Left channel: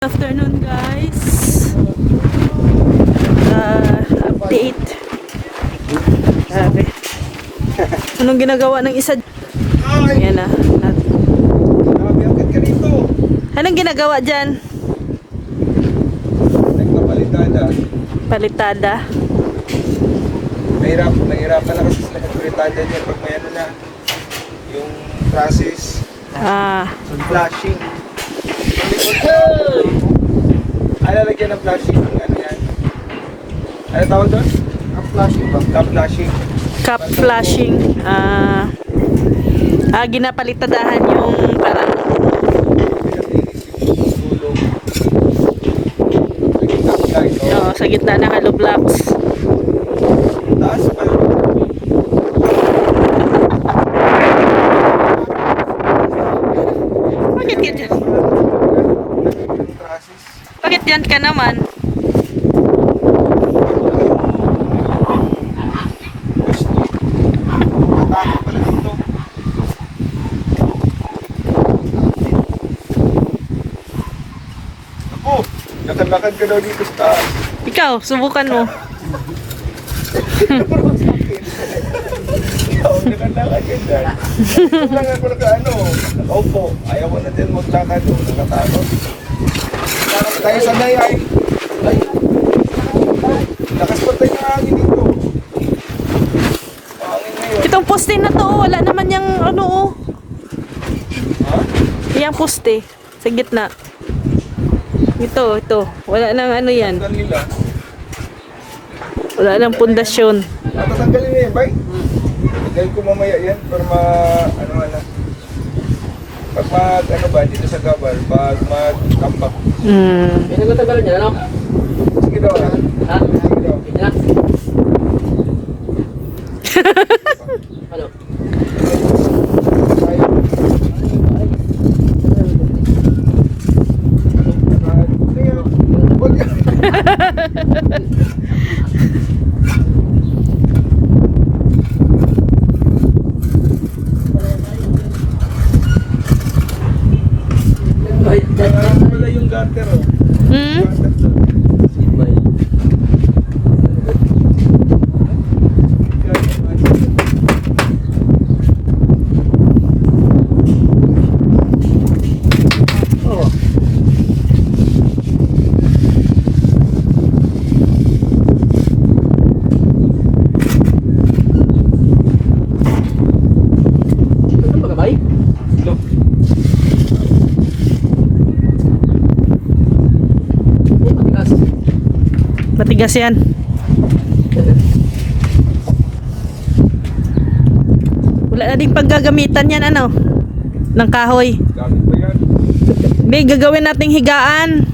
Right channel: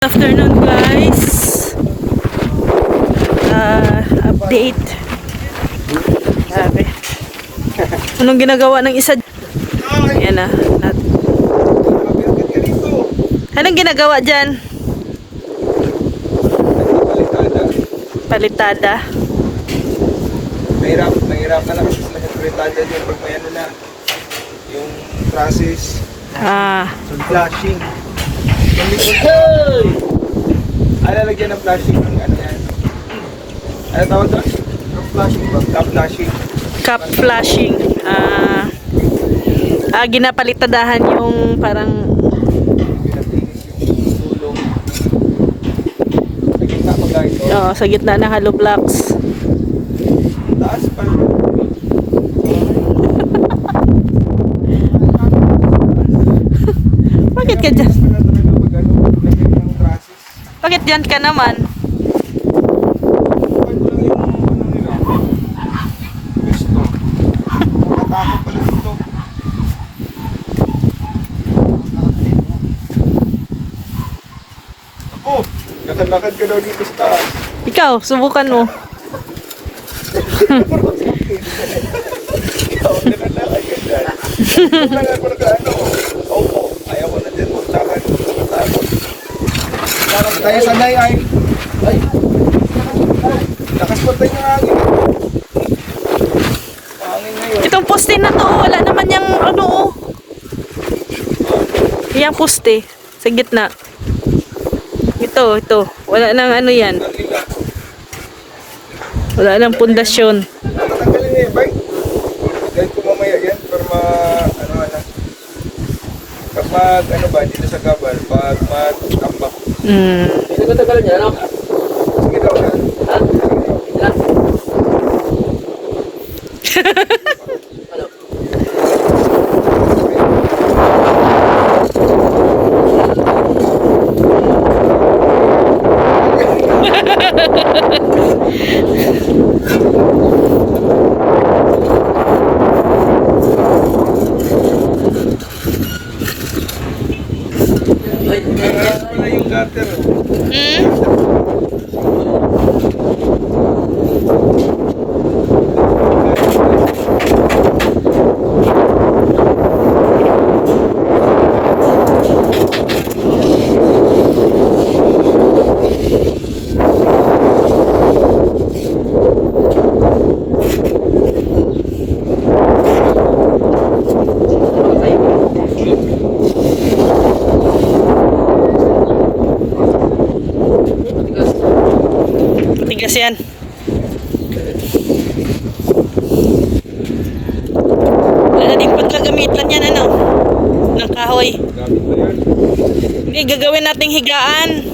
Afternoon guys, update. Grabe. Anong ginagawa ng isa? Ayan na. Anong ginagawa dyan? Palitada. Mahirapan na kasi sila magpalitada dyan pag may ano na yung process. Yung flashing. Ay, lalagyan ng flashing. Ano yan? Ano tawag doon? Cup flashing. Cup flashing. Ginapalitadahan yung parang sa gitna ng hollow blocks. Taas pa. Bakit ka dyan? Bakit dyan ka naman? Ako, lakad-lakad ka daw dito sa taas. Ikaw, subukan mo. Lakad-lakad ka dyan. Lakad ko nag-ano. Opo, ayaw mo na dyan maglakad. Nakatakot. Tayo sanay ay. Lakas pa tayo ng hangin. Pangin ngayon. Itong poste na to, wala naman yung ano. Yung poste sa gitna. Ito. Wala nang ano yan. Wala nang pundasyon. Tatanggalin niya yung bike. Dahil ko mamaya yan para ano. Pag ano ba, dito sa gabal, pag mag-ambak. Hindi ko tagalan niya, ano? Sige daw na. Ha? Sige daw. Ano? Ayos pala yung gutter, oh. Matigas yan. Wala na ding paggagamitan yan, ano? Ng kahoy. Gamit ba yan? May gagawin nating higaan.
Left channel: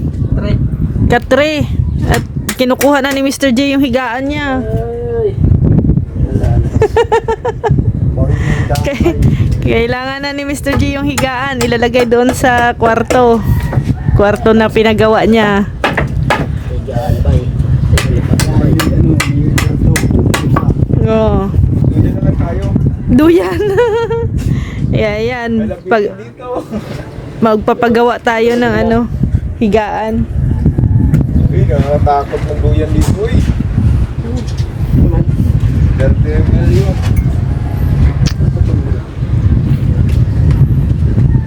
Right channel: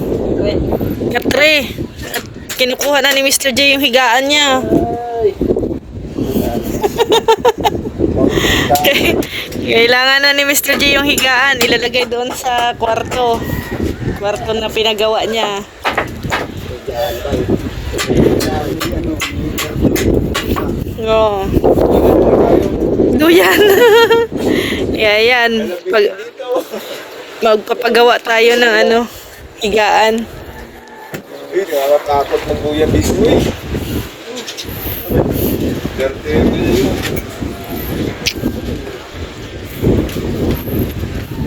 Katre. At kinukuha na ni Mr. J yung higaan niya. Kailangan na ni Mr. J yung higaan. Ilalagay doon sa kwarto. Kwarto na pinagawa niya. Oh. Duyan. Yan. Magpapagawa tayo ng ano, higaan. Uy, nakakatakot ng buyan mismo eh. Dirty yun.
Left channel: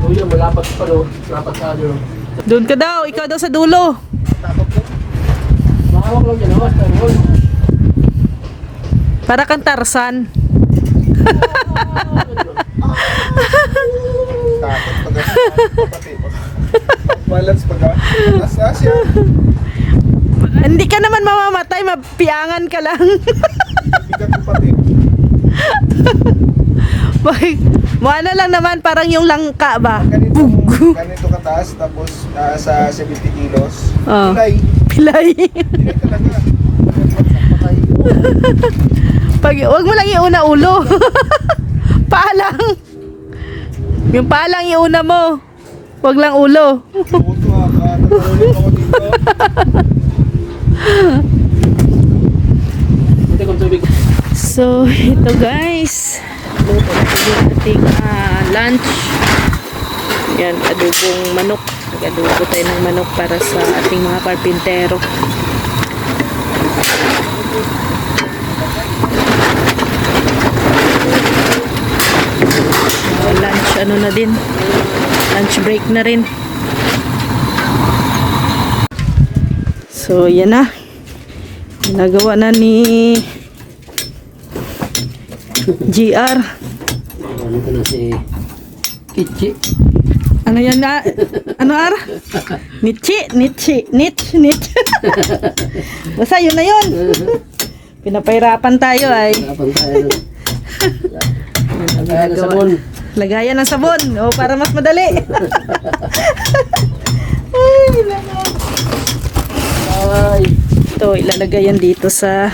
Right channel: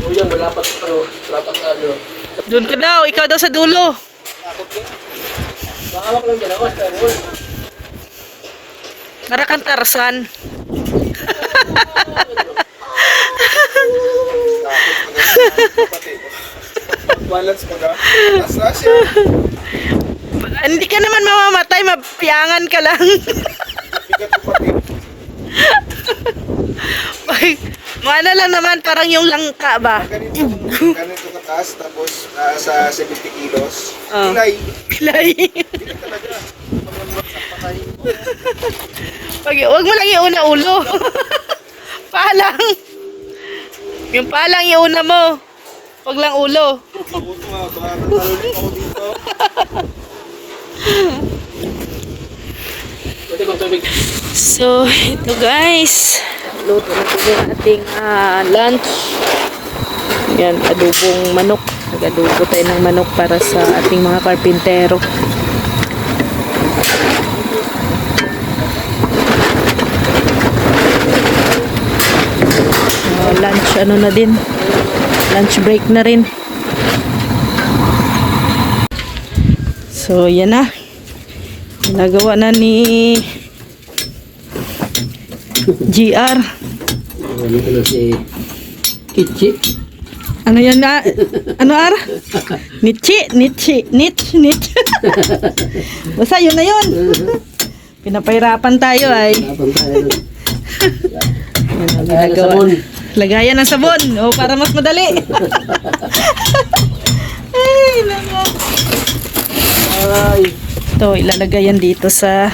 Buyan, malapat pa ro. Malapat sa ano. Doon ka daw, ikaw daw sa dulo. Takot ka? Mahawak lang dyan, awas tayo. Para kang Tarzan. Takot pati. Balance pa ka. Nasa siya. Hindi ka naman mamamatay, mapiangan ka lang. Bigat ko pati. Ano lang naman, parang yung langka ba? Ganito kataas, tapos nasa 70 kilos. Oh. Pilay. Pilay. Pilay talaga. Patay. Wag mo lang iuna ulo. Paalang. Yung paalang iuna mo. Wag lang ulo. Buto ha, baka tatalunin ako dito. So, ito guys. Luto na po yung ating lunch. Yan, adobong manok. Nagaluto tayo ng manok para sa ating mga karpintero. Lunch ano na din. Lunch break na rin. So, yan na. Ginagawa na ni GR. Ano ko na si Kichi. Ano yan na? Ano ara? Nichi. Basta yun na yun. Pinapahirapan tayo ay. Kapag tayo. Yan ang ginagawa. Lagayan ng sabon. O, para mas madali. Ay, lala. Ay. Ito, ilalagay yan dito sa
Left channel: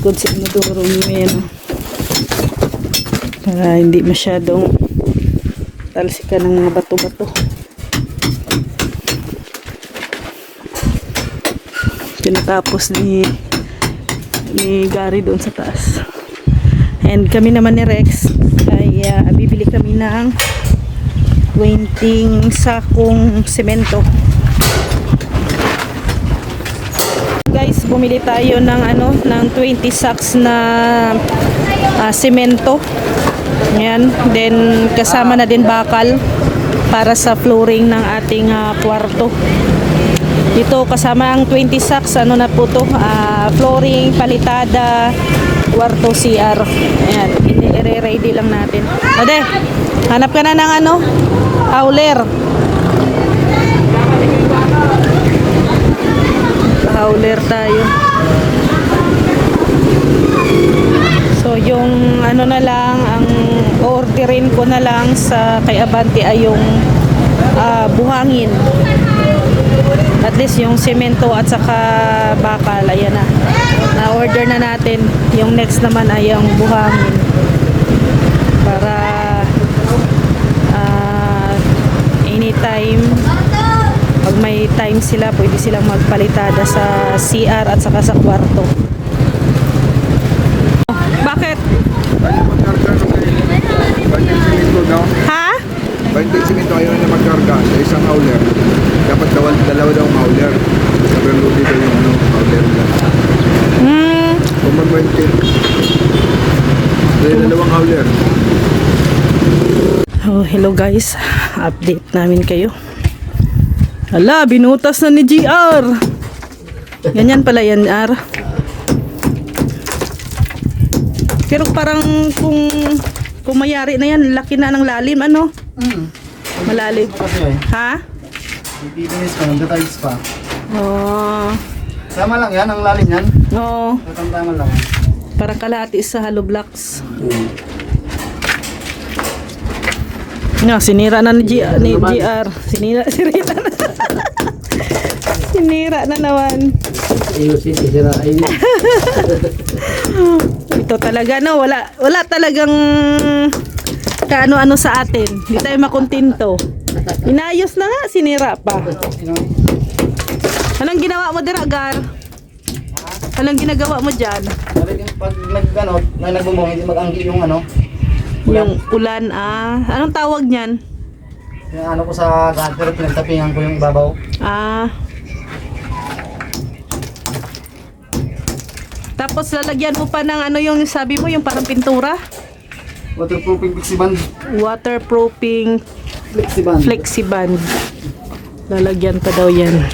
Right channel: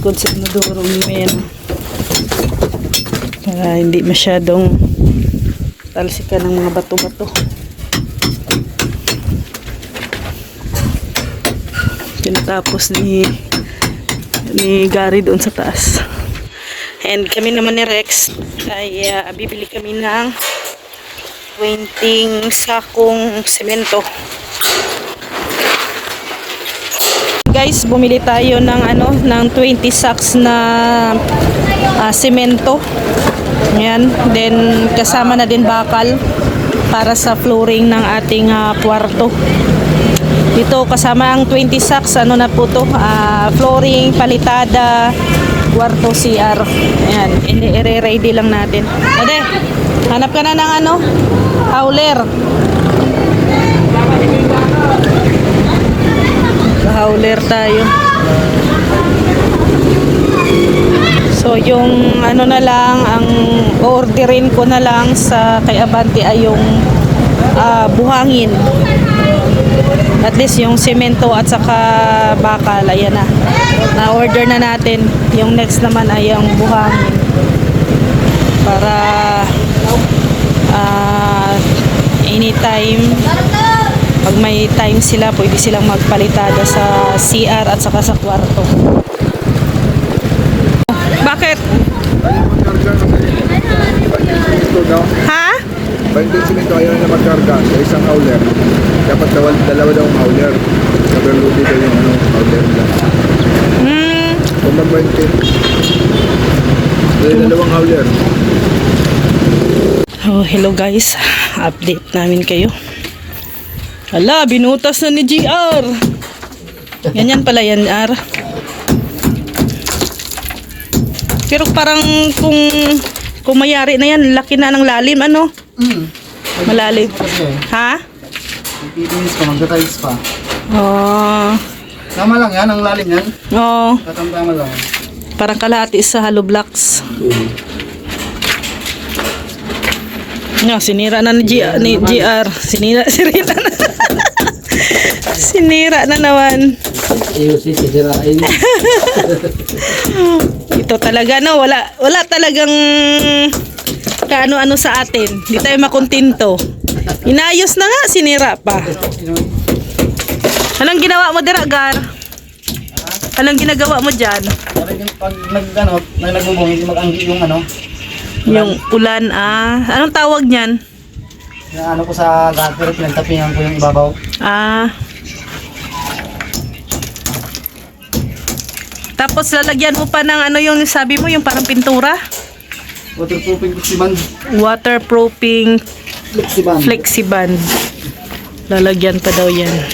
kung sinuduro nyo yan. Para hindi masyadong talsikan ng mga bato-bato. Tinatapos ni Gary doon sa taas. And kami naman ni Rex ay bibili kami ng 20 sakong semento. Guys, bumili tayo ng 20 sacks na semento. Ayan, then kasama na din bakal para sa flooring ng ating kwarto. Dito kasama ang 20 sacks, ano na po to, flooring, palitada, kwarto, CR. Ayan, i-ready lang natin. Ade, hanap ka na ng howler. Howler tayo. So yung na lang, ang orderin ko na lang sa kay Abante ay yung buhangin. At least yung semento at saka bakal, ayan na. Na-order na natin. Yung next naman ay yung buhangin. Para anytime, pag may time sila, pwede silang magpalitada sa CR at saka sa kwarto. Bakit? Ha? Binding simento ayaw na magkarga sa isang howler. Dapat dalawa daw ang howler. Sabi dito yung howler nila. Kung mag-binding, dalawang howler. Oh, hello guys. Update namin kayo. Hala, binutas na ni GR. Ganyan pala yan, R. Pero parang kung mayari na yan, laki na ng lalim, ano? Malalim. Ha? Ipipinis pa, magdatiles pa. Oh. Tama lang yan, ang lalim yan. Oh. Tatama lang. Parang kalahati sa hollow blocks. Nga, sinira na ni GR. Sinira na. Sinira na naman. Ayusin, sisirain. Ito talaga, no? Wala talagang kaano-ano sa atin. Hindi tayo makontento. Inayos na nga, sinira pa. Anong ginawa mo dira, Gar? Anong ginagawa mo dyan? Pag nagbubong, hindi mag-anggi yung Yung ulan, Anong tawag niyan? ko sa gutter, pinagtapingan ko yung ibabaw. Tapos lalagyan mo pa ng yung sabi mo, yung parang pintura? Waterproofing flexiband. Waterproofing flexiband. Lalagyan pa daw yan.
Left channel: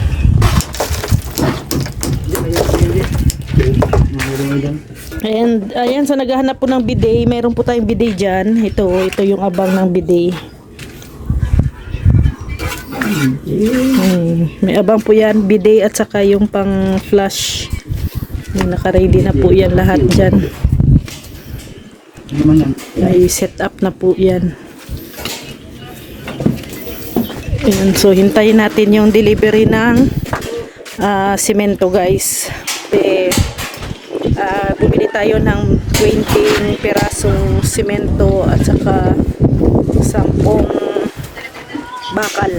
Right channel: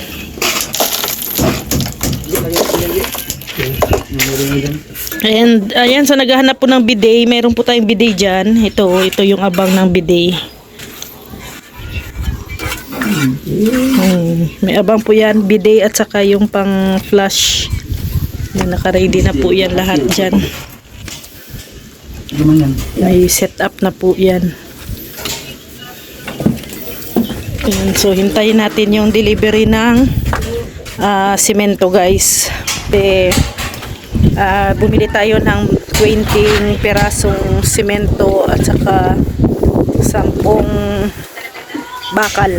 And ayan, so naghahanap po ng bidet. Meron po tayong bidet dyan. Ito yung abang ng bidet. May abang po yan, bidet at saka yung pang flush. Naka-ready na po yan lahat dyan. May set up na po yan. Ayan, so hintayin natin yung delivery ng simento, guys. Bumili tayo ng 20 perasong simento at saka 10 bakal.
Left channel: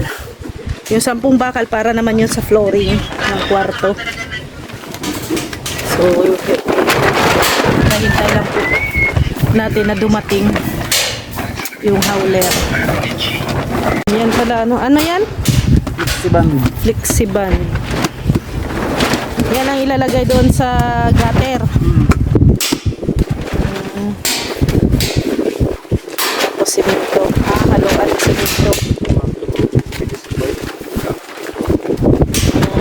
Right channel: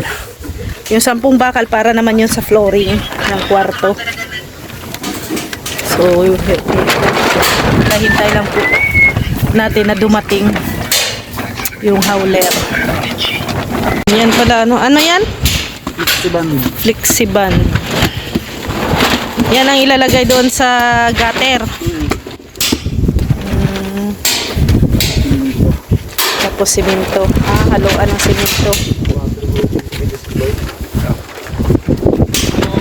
Yung 10 bakal para naman yun sa flooring ng kwarto. So hintay lang po natin na dumating yung howler. Yan pala, ano yan? Flexiban. Yan ang ilalagay doon sa gutter. Tapos simento. Haluan ng simento.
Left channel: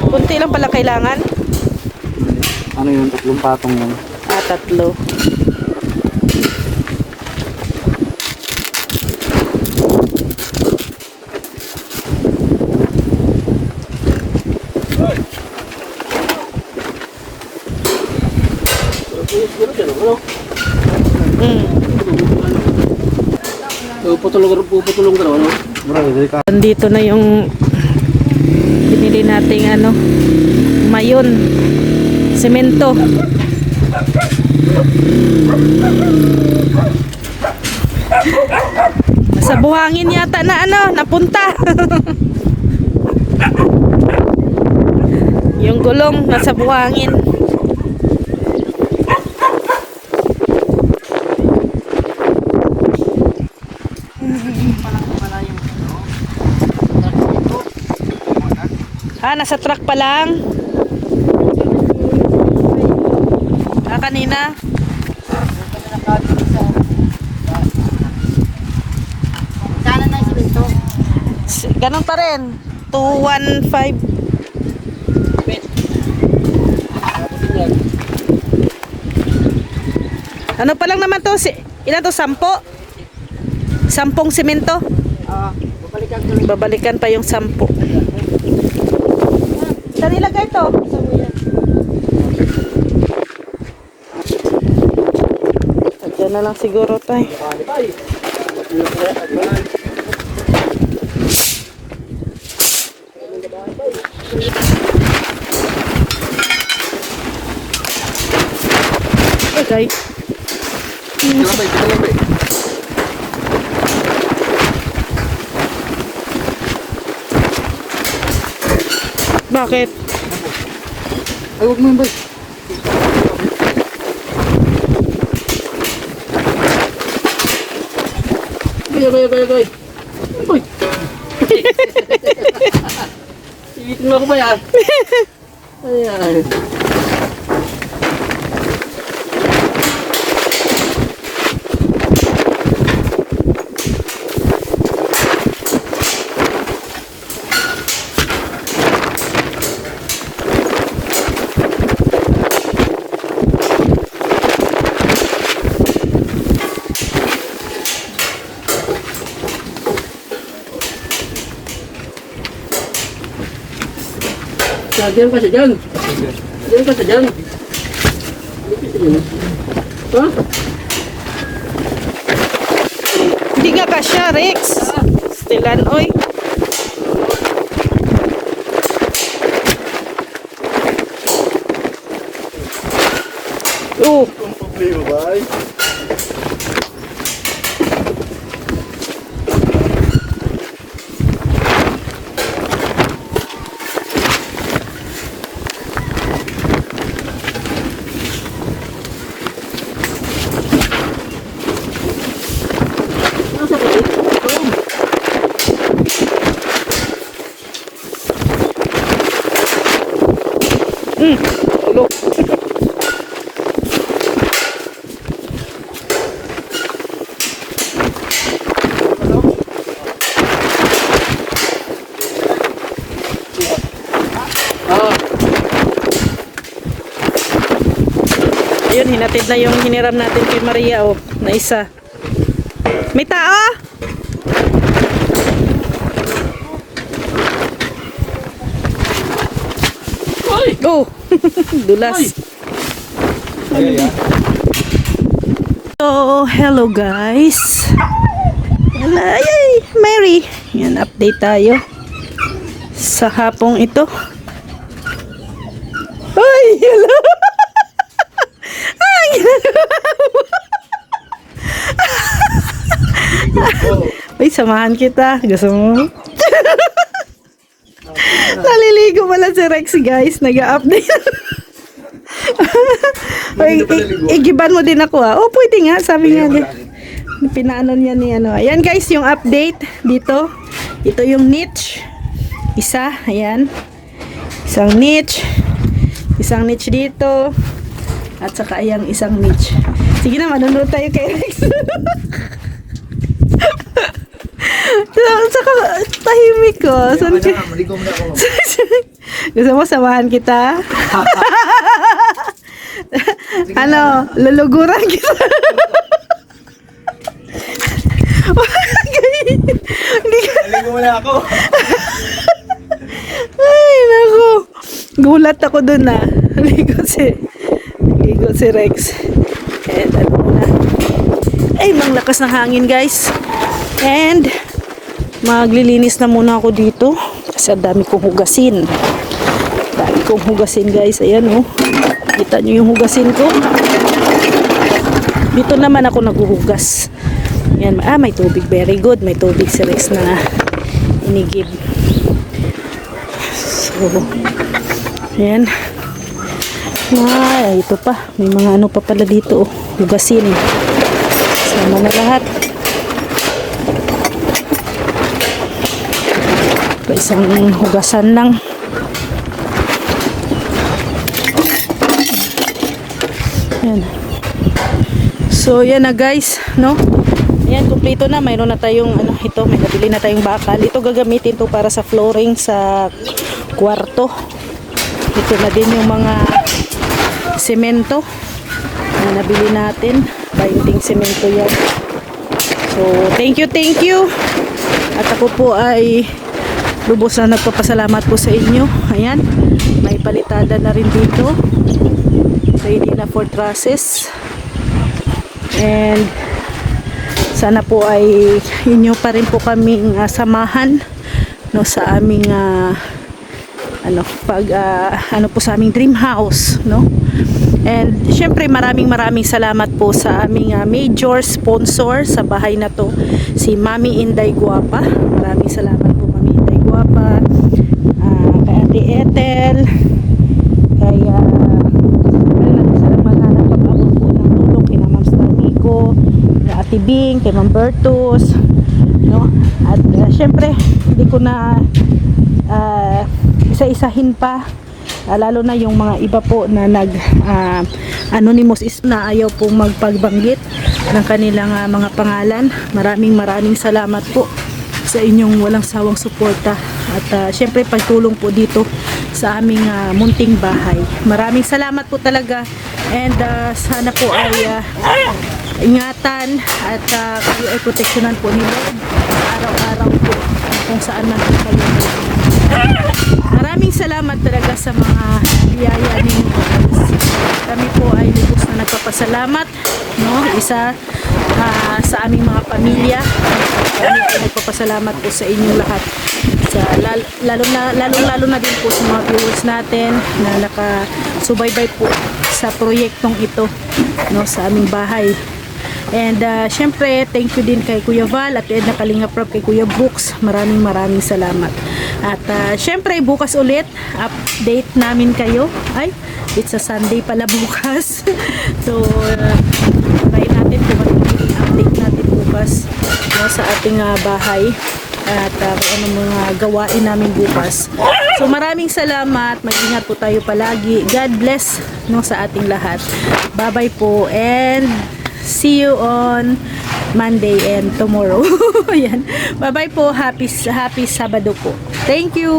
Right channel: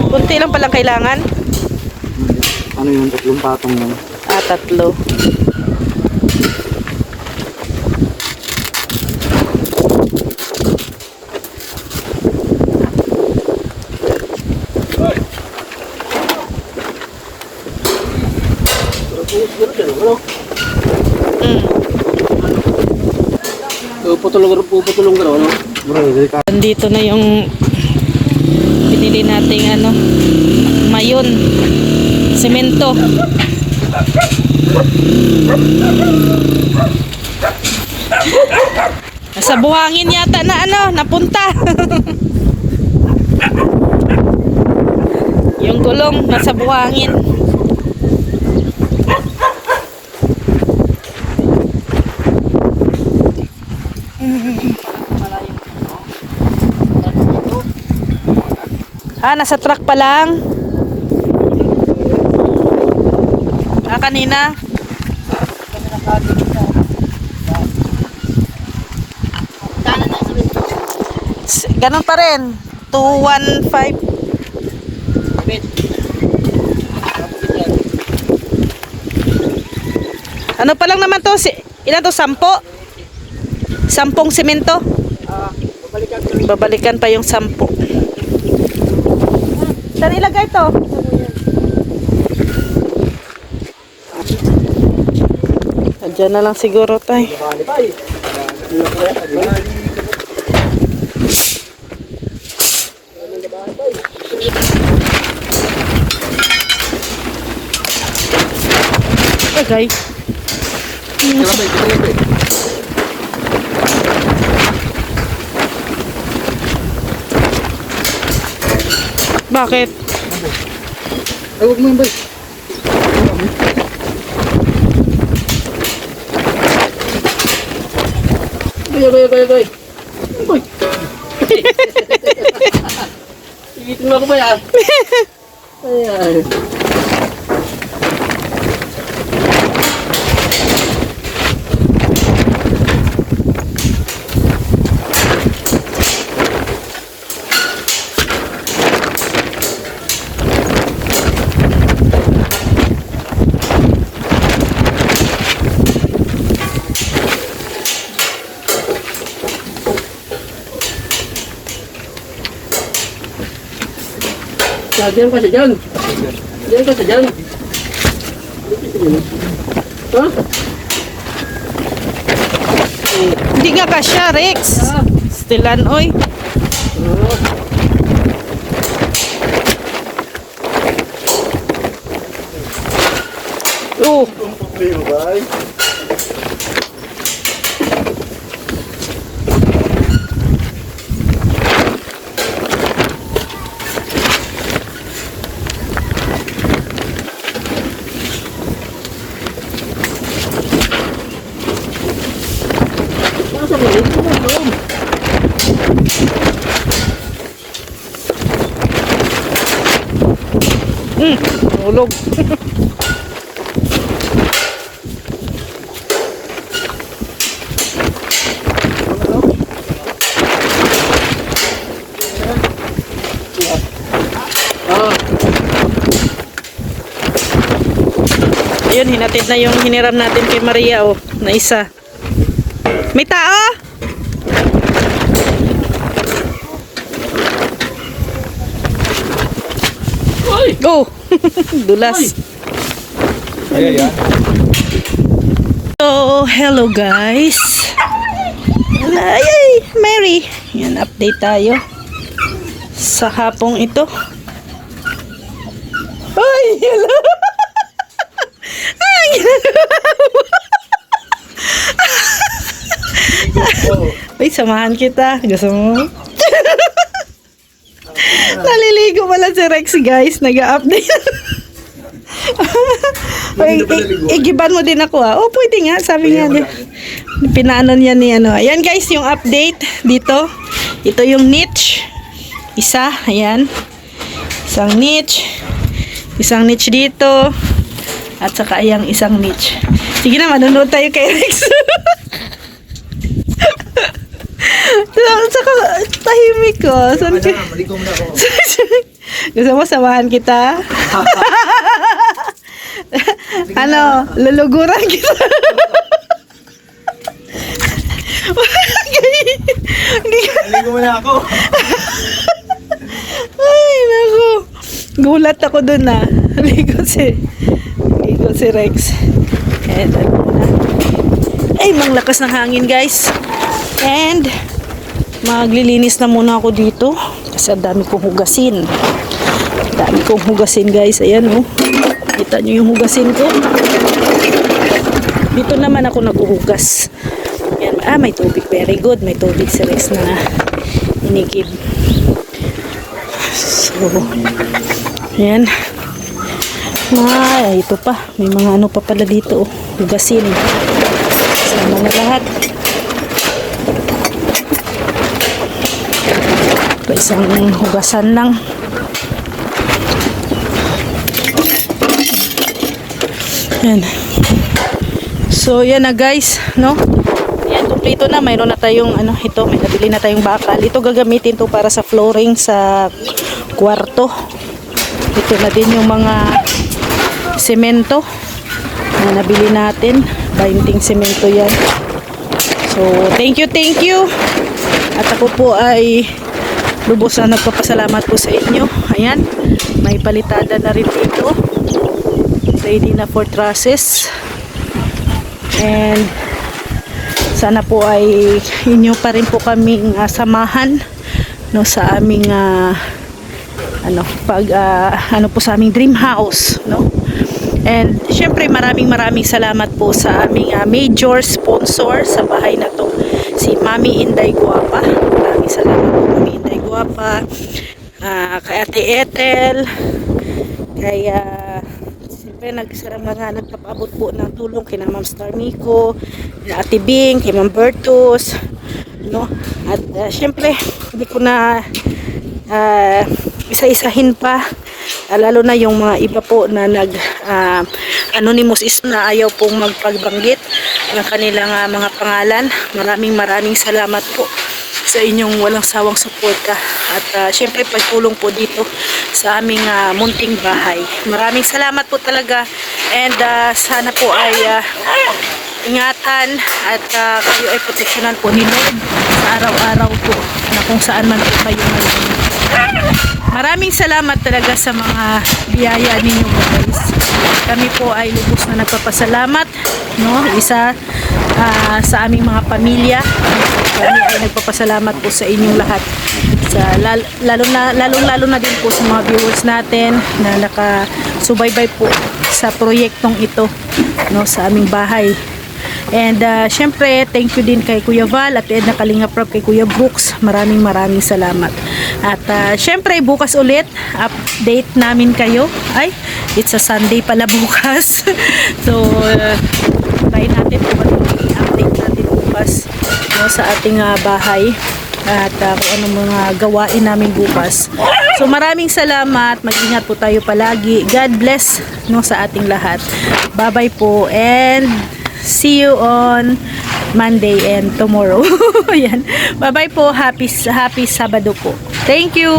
Kunti lang pala kailangan. Ano yun? 3 patong yun. 3. Puputulong ka no? Bro, Andito na yung binili nating mayon, semento. Nasa buhangin yata na napunta. Yung gulong nasa buhangin. Nasa truck pa lang. Kanina. Ganun pa rin. 215. Ano pa lang naman to? Ilan to? 10? 10 semento? Babalikan pa yung 10. Saan ilagay to? Diyan na lang siguro tayo. Guys. Bakit? ay, huwag mo yun, bay. Bay. Uy. Iwitin mo ako ba yan? Ayan. Diyan ka siya dyan. Diyan ka siya dyan. Ha? Hindi nga kasya, Rex. Stilan, oy. Oh. Ulog. Ayun, hinatid na yung hiniram natin kay Maria, oh, na isa. May tao? Oh, dulas. So, hello guys. Ay, Mary. Yan, update tayo sa hapong ito. Ay, hello. Ay, ay, samahan kita. Gusto mo? Naliligo pala si Rex, guys. Nag-update. Igiban mo din ako, ha? Oh, pwede nga. Sabi niya. Pinaano niya ni ano. Ayan, guys, yung update dito. Ito yung niche. Isa, ayan. Isang niche. Isang niche dito. At saka ayang isang niche. Sige na, manunod tayo kay Rex. Saka tahimik ko. Saan ka? Maligo mo na ako. Gusto mo samahan kita? Ano, luluguran kita. Maligo mo na ako. Ay, naku. Gulat ako dun ah. Ligo si Rex. Ayan. Ay, mang lakas ng hangin guys. And, maglilinis na muna ako dito. Kasi ang dami kong hugasin. Dami kong hugasin guys. Ayan oh. Kita nyo yung hugasin ko. Dito naman ako naghuhugas. Ayan. Ah, may tubig. Very good. May tubig si Rex na inigib. So, ayan. Ay, ito pa. May mga ano pa pala dito. Oh. Hugasin eh. Sama na lahat. Isang hugasan lang. Yan. So, yan na guys, no? Yan, kumpleto na. Mayroon na tayong, ano, ito, may nabili na tayong bakal. Ito gagamitin to para sa flooring sa kwarto. Ito na din yung mga semento na nabili natin. Binding semento yan. So, thank you. At ako po ay lubos na nagpapasalamat po sa inyo. Ayan, may palitada na rin dito. Ready na for trusses. And sana po ay inyo pa rin po kaming samahan no sa aming ano po sa aming dream house, no? And syempre maraming salamat po sa aming major sponsor sa bahay na to, si Mami Inday Guapa. Maraming salamat po Mami Inday Guapa, kay Ate Ethel, kay nagpapabot po ng tulong kay Ma'am Star Nico, kay Ate Bing, kay Ma'am Bertus, no? At syempre hindi ko na isa-isahin pa, lalo na yung mga iba po na anonymous is na ayaw pong magpagbanggit ng kanilang mga pangalan. Maraming salamat po sa inyong walang sawang suporta at syempre pagtulong po dito sa aming munting bahay. Maraming salamat po talaga, and sana po ay ingatan at kayo ay proteksyonan po ni Lord sa araw-araw po na kung saan man po kayo. Maraming salamat talaga sa mga biyaya ninyo guys. Kami po ay lubos na nagpapasalamat, no? Isa sa aming mga pamilya. Kami ay nagpapasalamat po sa inyong lahat. Lalo na din po sa mga viewers natin na nakasubaybay po sa proyektong ito, no, sa aming bahay. And syempre, thank you din kay Kuya Val at Edna Kalinga Prab, kay Kuya Brooks. Maraming salamat. At syempre, bukas ulit, update namin kayo. Ay, it's a Sunday pala bukas. So, try natin kung ano i-update natin bukas, no, sa ating bahay. At kung anong mga gawain namin bukas. So, maraming salamat. Mag-ingat po tayo palagi. God bless, no, sa ating lahat. Bye-bye po, and see you on Monday and tomorrow. Ayan. Bye-bye po. Happy Sabado po. Thank you.